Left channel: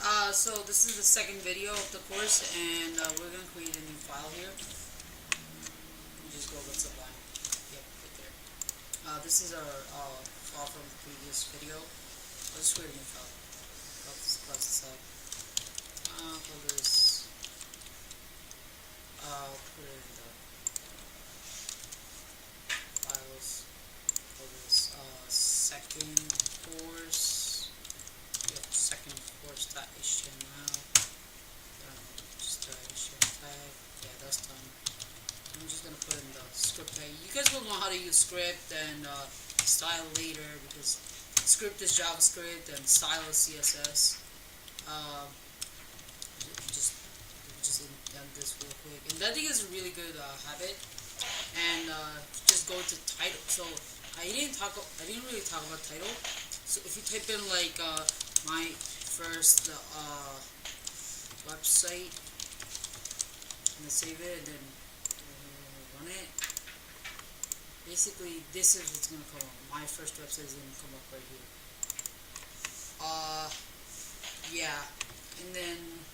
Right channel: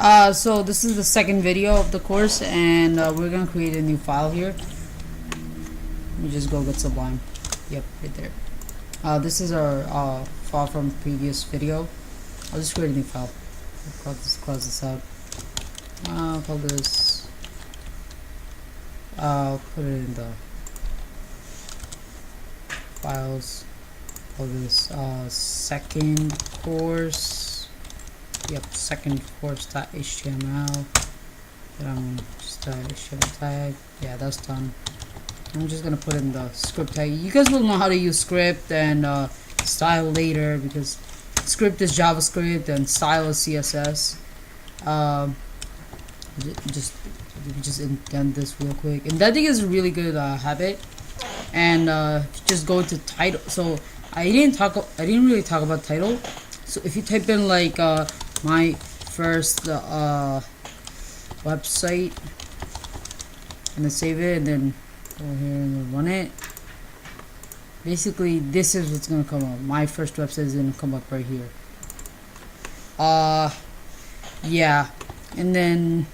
So this is the second video of the course, and we're gonna create a new file here. Let me just go get Sublime. Yep, right there. This is our file from previous video. I'll just create a new file. Close this out. I'll call this. I'll put it in the files. Call this second course. Yep, second course.html. Just HTML tag. Yeah, that's done. I'm just gonna put in the script tag. You guys will know how to use script and style later, because script is JavaScript and style is CSS. Just indent this real quick. Indenting is a really good habit. And just go to title. So I didn't really talk about title. So if you type in like my first website, and then save it, and then go ahead and run it. Basically, this is what's gonna come up. My first website is gonna come up right here. Yeah, and then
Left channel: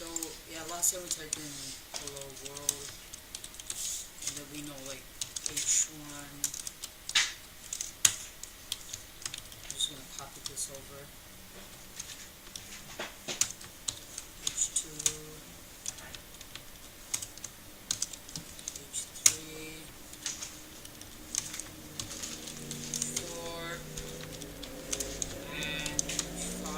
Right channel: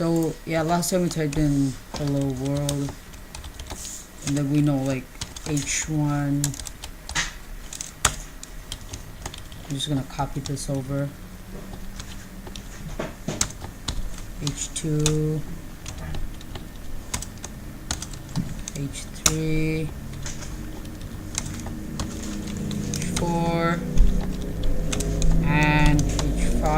last time we typed in hello world, and then we know like h1. I'm just gonna copy this over. H2, H3, H4, and H5,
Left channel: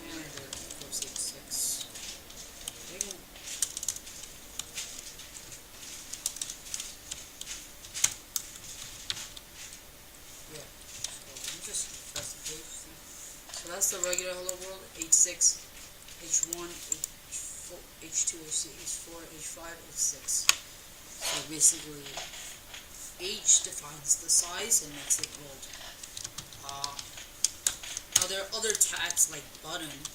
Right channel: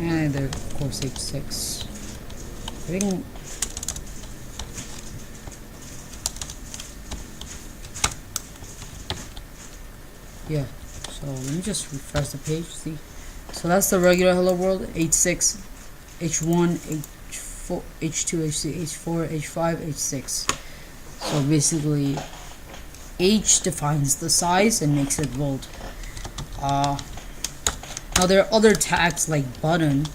and of course H6. I think yeah, so let me just refresh the page, see. So that's the regular hello world, H6, H1, H4, H2, H3, H4, H5, H6. So basically, H defines the size and makes it bold. Now there are other tags like button,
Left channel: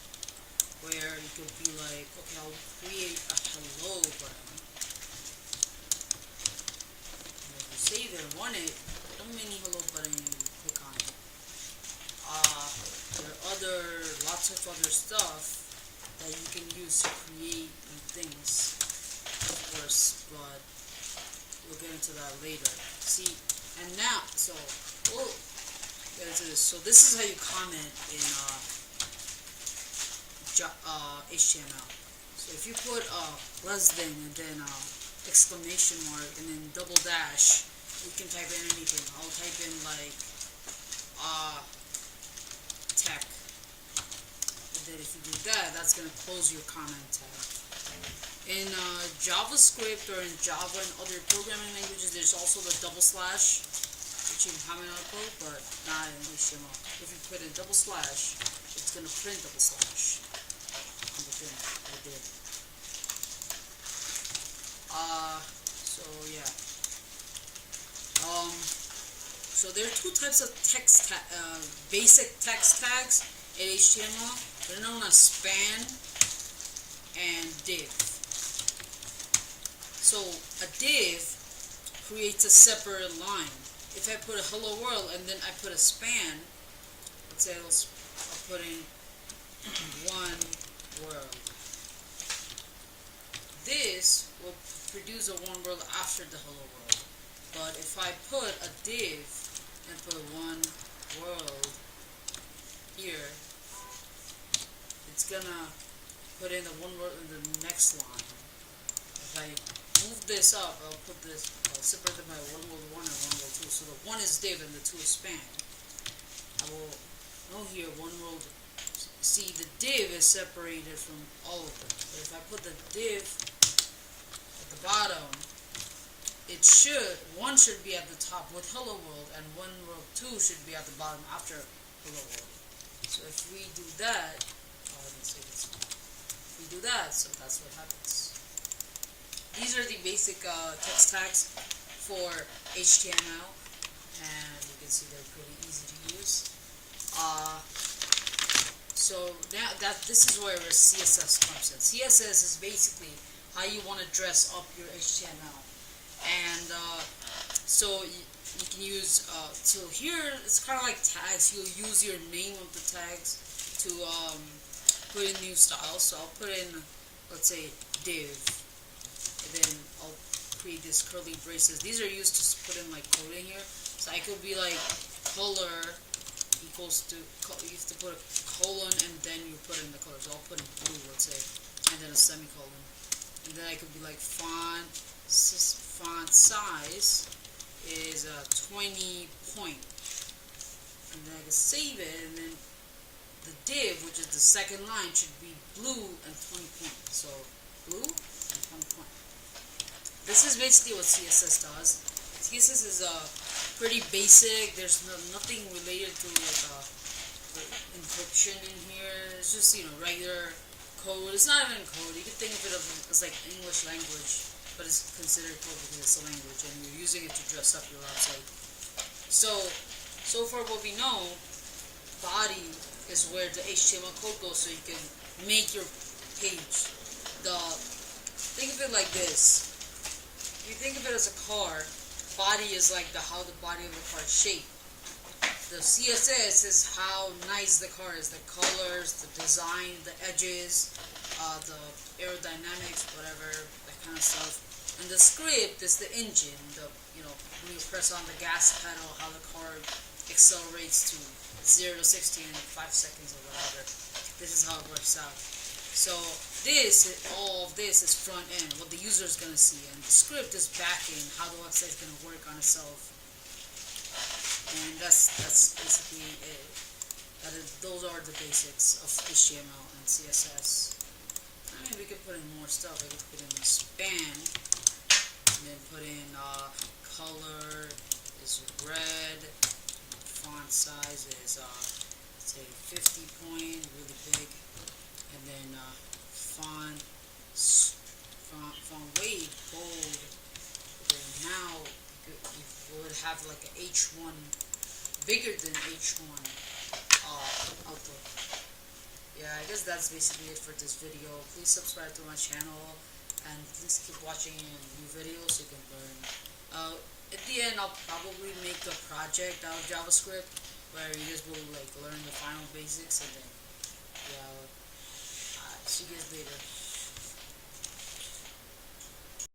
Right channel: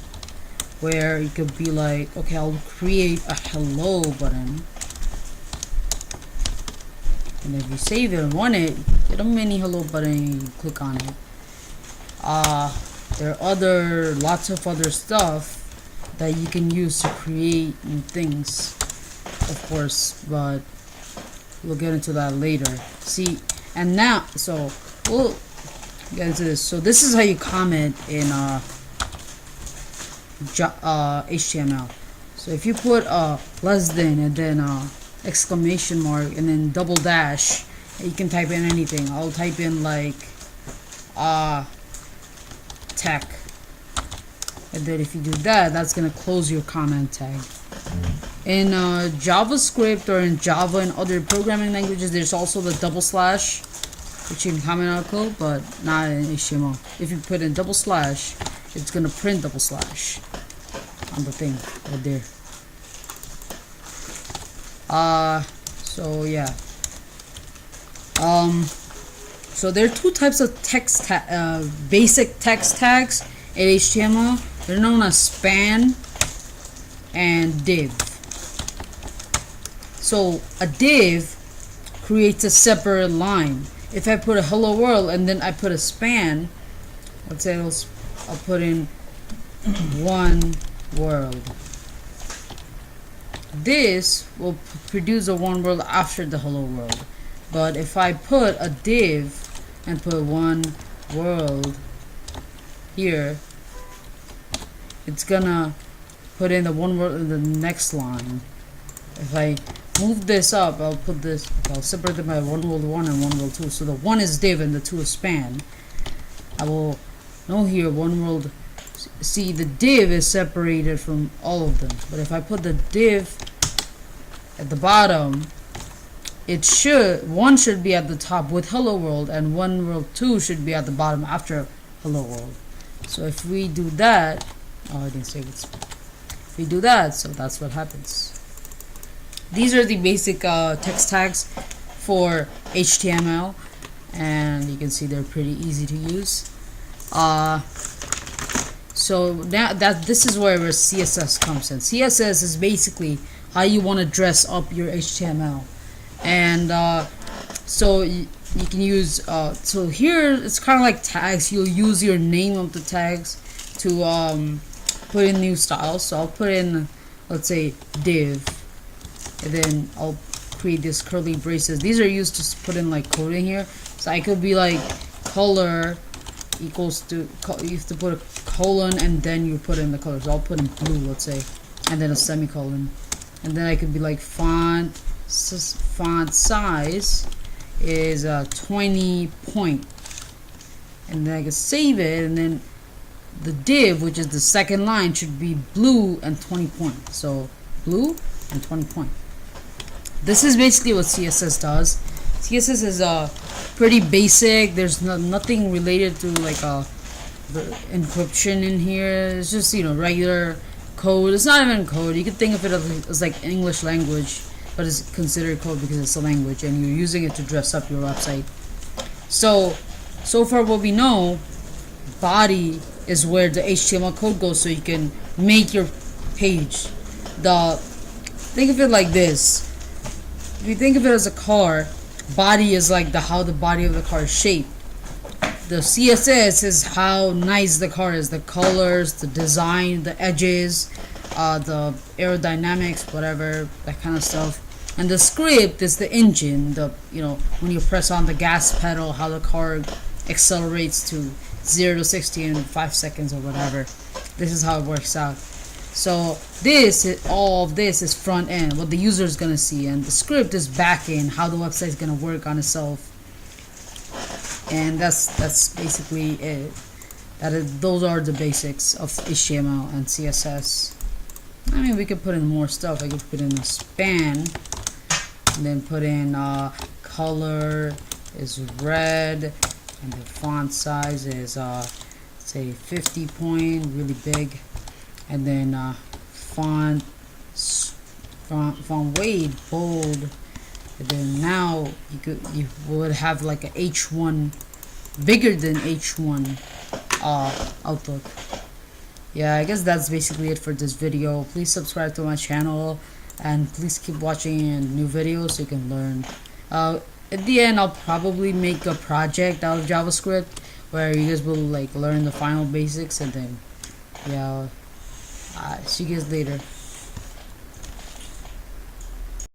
where you could be like, okay, I'll create a hello button. And if you save it and run it, get a mini hello button and you click on it. There are lots of other stuff that you can use to create new things, of course, but we'll get into that later. See, and now, so we'll get into this. So this is how you comment in HTML. So if you put less than and then exclamation mark and then double dash, you can type in anything. I'll type in like tech, and then if you do that, that's gonna close your comment tag. In JavaScript or in Java and other programming languages, there's also the double slash, which you can comment on code, but not in HTML. If you put in double slash, it's gonna print double slash on the thing right there. So yeah. So there are two types of text basic text tags in HTML. They're known as span and div. So a div creates a separate line. If I put a hello world and then I put a span, let's say I'll put in one world. This will produce a one world after the hello world. But if I put a div and put one world here, it's gonna put in the one world in the next line. If I move this up, I'll separate them by one world 1 and one world 2. So the 1 is div and the 2 is span. I will know here one world. See, the div is separated from all of them. But if I put the div at the bottom, one should be at the top with hello world, and one world 2 should be at the bottom after hello world. So if we do that, oh, I didn't save it. If we do that, so that's what happens. These are the basic text tags for HTML, and you can see they're pretty easy to use. So now this is where CSS comes in. CSS is basically how you want to dress up your HTML. And So you can use so here it's kind of like tags. You'll use your name of the tags to put in new styles. So I'll put in, let's say, div, and then I'll create this curly braces. These are used to put in like coding here. So I could be like color equals to, you have to put a colon and then you put in the color. So I'll put in blue, let's say, and then a semicolon, and then I could be like font size is 20 point, and then I can save it, and then the div, which is the second line, should be blue and 20 point. So blue and 20 point. This is basically what CSS does. CSS is pretty basic. There's nothing related to like the encryption in here. It's just, you know, regular code. It's not even code. You could think of it as like English language, but it's considered code because it's a language and you're using it to dress up your website. So far what we know, body is where the HTML code goes, so you can make your page. Think of it like this. If you think of it as a car, body is like how the body of the car is shaped. The CSS is how nice the car is, the colors, the design, the edges, the aerodynamics, whatever, that kind of stuff. And the script is the engine, you know, when you press on the gas pedal, how the car accelerates to 0 to 60 in 5 seconds or whatever. This is how it works out. So all of this is front end, what the user is gonna see, and the script is back end, how the website is gonna work on itself. And that's basically it. Those are the basics of HTML and CSS. I mean, we could put in more stuff. I could put in a span, and then put in color is red, and the font size is say 50 point, really big, and then font weight bold. And then now you would have like a H1 bigger than H1 outlook. Yeah, I guess that's basically it for this video. Please subscribe to my channel and please keep watching new videos so you can learn. At the end, I'll probably make a project out of JavaScript where you guys will like learn the final basics, and then yeah, see you guys later.